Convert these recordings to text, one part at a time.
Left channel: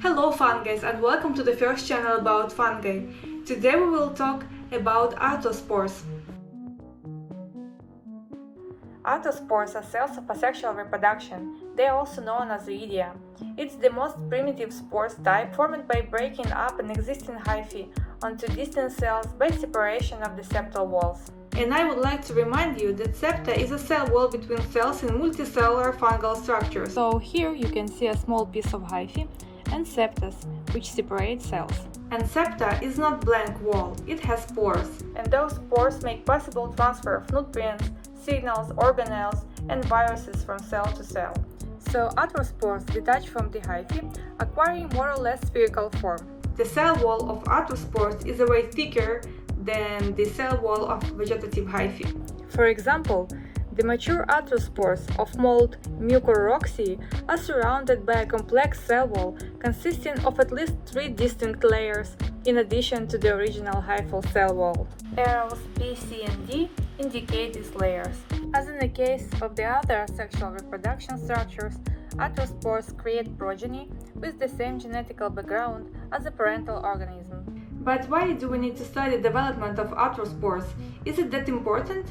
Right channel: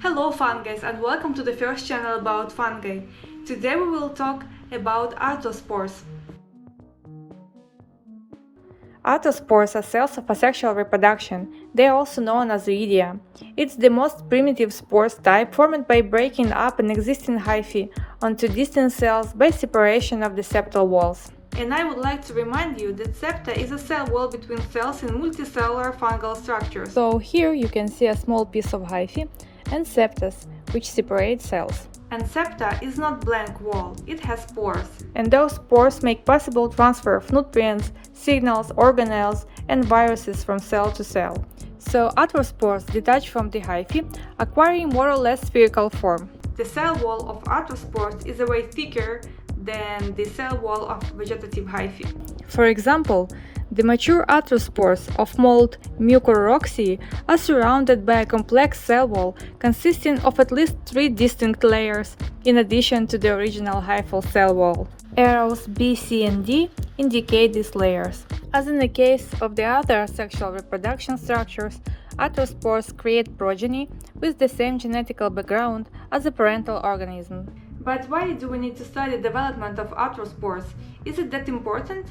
Hello fungi and welcome to the first channel about fungi. Today we will talk about arthrospores. Arthrospores are cells of asexual reproduction. They are also known as oidia. It's the most primitive spores type formed by breaking up an existing hyphae onto distant cells by separation of the septal walls. And I would like to remind you that septa is a cell wall between cells in multicellular fungal structures. So here you can see a small piece of hyphae and septas, which separate cells. And septa is not blank wall, it has pores. And those pores make possible transfer of nutrients, signals, organelles, and viruses from cell to cell. So arthrospores detach from the hyphae, acquiring more or less spherical form. The cell wall of arthrospores is a way thicker than the cell wall of vegetative hyphae. For example, the mature arthrospores of mold Mucorrhoxae are surrounded by a complex cell wall consisting of at least 3 distinct layers, in addition to the original hyphal cell wall. Arrows B, C, and D indicate these layers. As in the case of the other sexual reproduction structures, arthrospores create progeny with the same genetical background as the parental organism. But why do we need to study the development of arthrospores? Is it that important?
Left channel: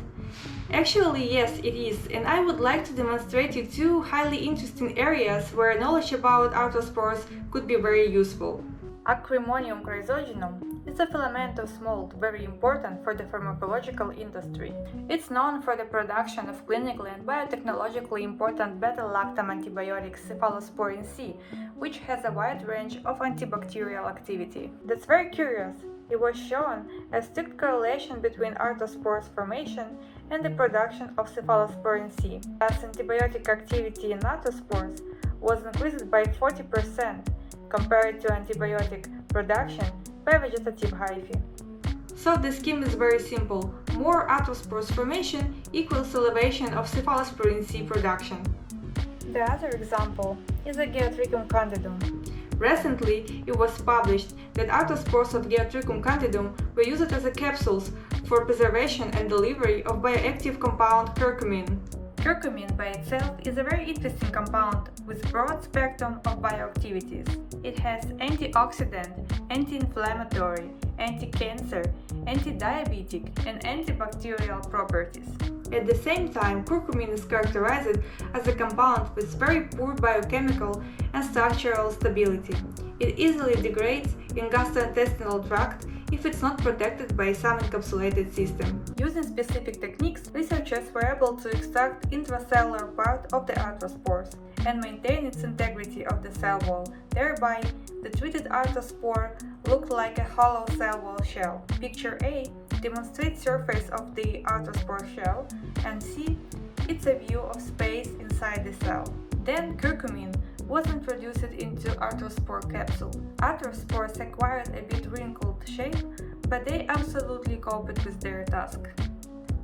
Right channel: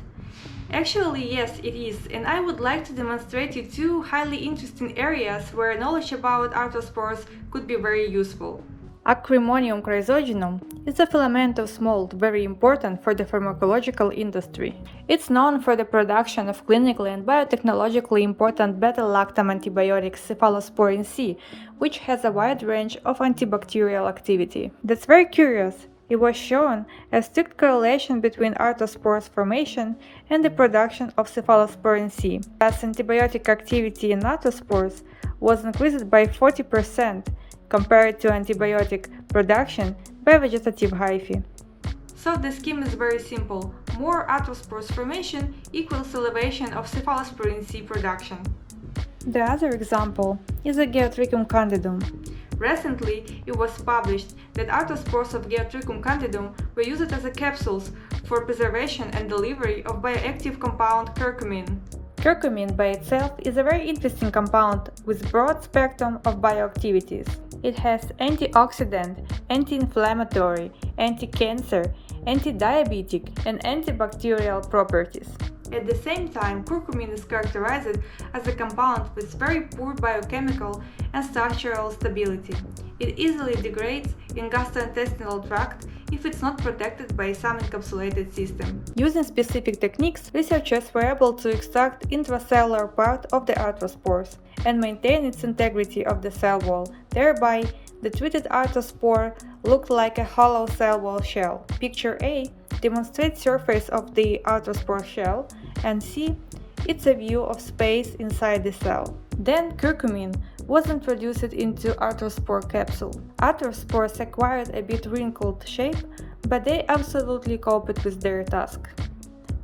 Actually, yes, it is, and I would like to demonstrate you two highly interesting areas where knowledge about arthrospores could be very useful. Acremonium chrysogenum is a filamentous mold very important for the pharmacological industry. It's known for the production of clinically and biotechnologically important beta-lactam antibiotic cephalosporin C, which has a wide range of antibacterial activity. That's very curious. It was shown a strict correlation between arthrospores formation and the production of cephalosporin C. Thus, antibiotic activity in arthrospores was increased by 40% compared to antibiotic production by vegetative hyphae. So the scheme is very simple. More arthrospores formation equals elevation of cephalosporin C production. The other example is the Geotrichum candidum. Recently, it was published that arthrospores of Geotrichum candidum were used as capsules for preservation and delivery of bioactive compound curcumin. Curcumin by itself is a very interesting compound with broad spectrum of bioactivities. It has antioxidant, anti-inflammatory, anti-cancer, anti-diabetic, and antibacterial properties. At the same time, curcumin is characterized as a compound with very poor biochemical and structural stability. It easily degrades in gastrointestinal tract if it's not protected by some encapsulated system. Using specific techniques, researchers were able to extract intracellular part of the arthrospores and maintain its integrity of the cell wall. Thereby, the treated arthrospore looked like a hollow cell wall shell. Picture A demonstrates surface of the arthrospore shell, and C, it's a view of space inside the cell. Then curcumin was introduced into arthrospore capsule. Arthrospores acquired a bit wrinkled shape, but they absolutely coped with their task.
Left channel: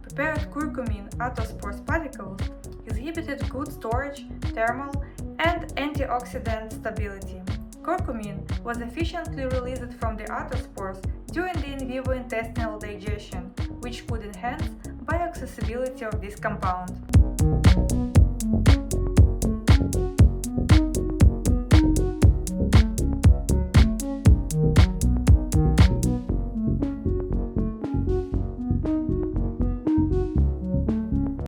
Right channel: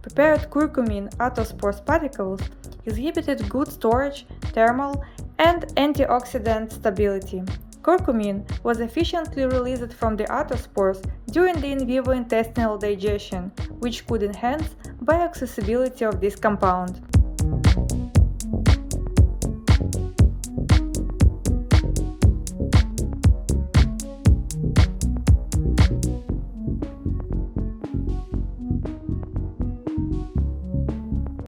Prepared curcumin arthrospores particles exhibited good storage, thermal, and antioxidant stability. Curcumin was efficiently released from the arthrospores during the in vivo intestinal digestion, which could enhance bioaccessibility of this compound.